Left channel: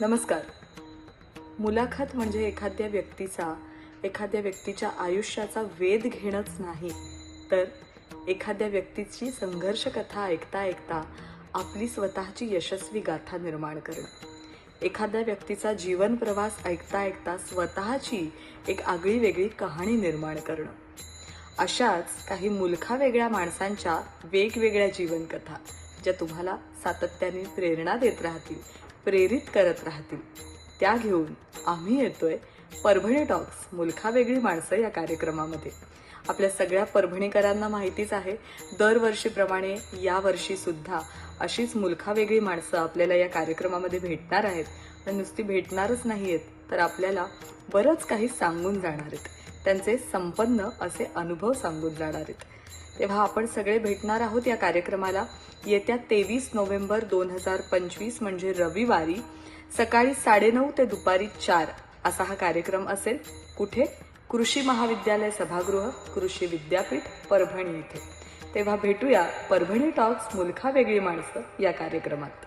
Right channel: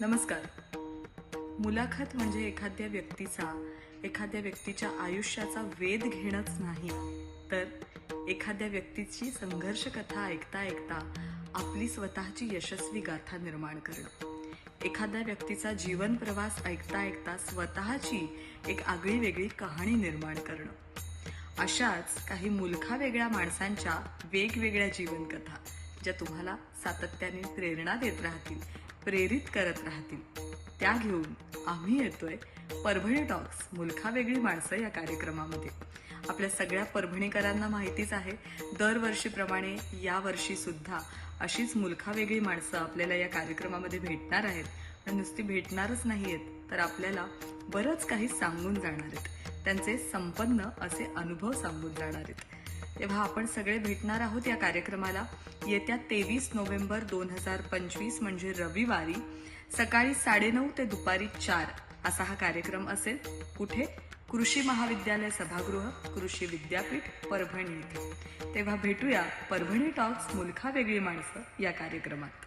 नमस्कार. मुलाखत म्हणजे एखाद्या व्यक्तीच्या आयुष्याचा वेध घेणंच नाही, तर एखाद्या व्यक्तीची संघर्ष कथा ऐकता ऐकता आपली स्वतःची यशस्वी गाथा निर्माण करणं. एखाद्या व्यक्तीचा जीवन प्रवास ऐकता ऐकता स्वतःची एक आगळी वेगळी कहाणी निर्माण करणं. अशाच काही मुलखावेगळ्या माणसांच्या वेगवेगळ्या जीवनकथा ज्या तुम्हाला सातत्याने प्रेरणा देत राहतील, प्रेरित करत राहतील, त्या घेऊन आम्ही येतोय परभणी टॉक्स मुलखावेगळी माणसं या कार्यक्रमामध्ये. आपल्या सगळ्या परभणीकरांना माहितीच आहे, दरवर्षीप्रमाणे यावर्षी सुद्धा अशीच मुलखावेगळी माणसं आपल्याला या कार्यक्रमामध्ये भेटणार आहेत. पण नुसती भेटणारच नाहीयेत, तर आपल्याला बरंच काही सांगून जाणार आहेत. त्यांचे संपन्न असे अनुभव सांगून जाणार आहेत. तेव्हा आपण सगळे भेटणार आहोत या कार्यक्रमाला येत्या 23 नोव्हेंबर 2025 म्हणजे रविवारी सकाळी 9:30 ते दुपारी 4 असा हा कार्यक्रम असेल. कुठे? कृषी महाविद्यालय सभागृह, कृषी विद्यापीठ, परभणी इथे. तेव्हा भेटूया परभणी टॉक्स मुलखावेगळी माणसं या कार्यक्रमात.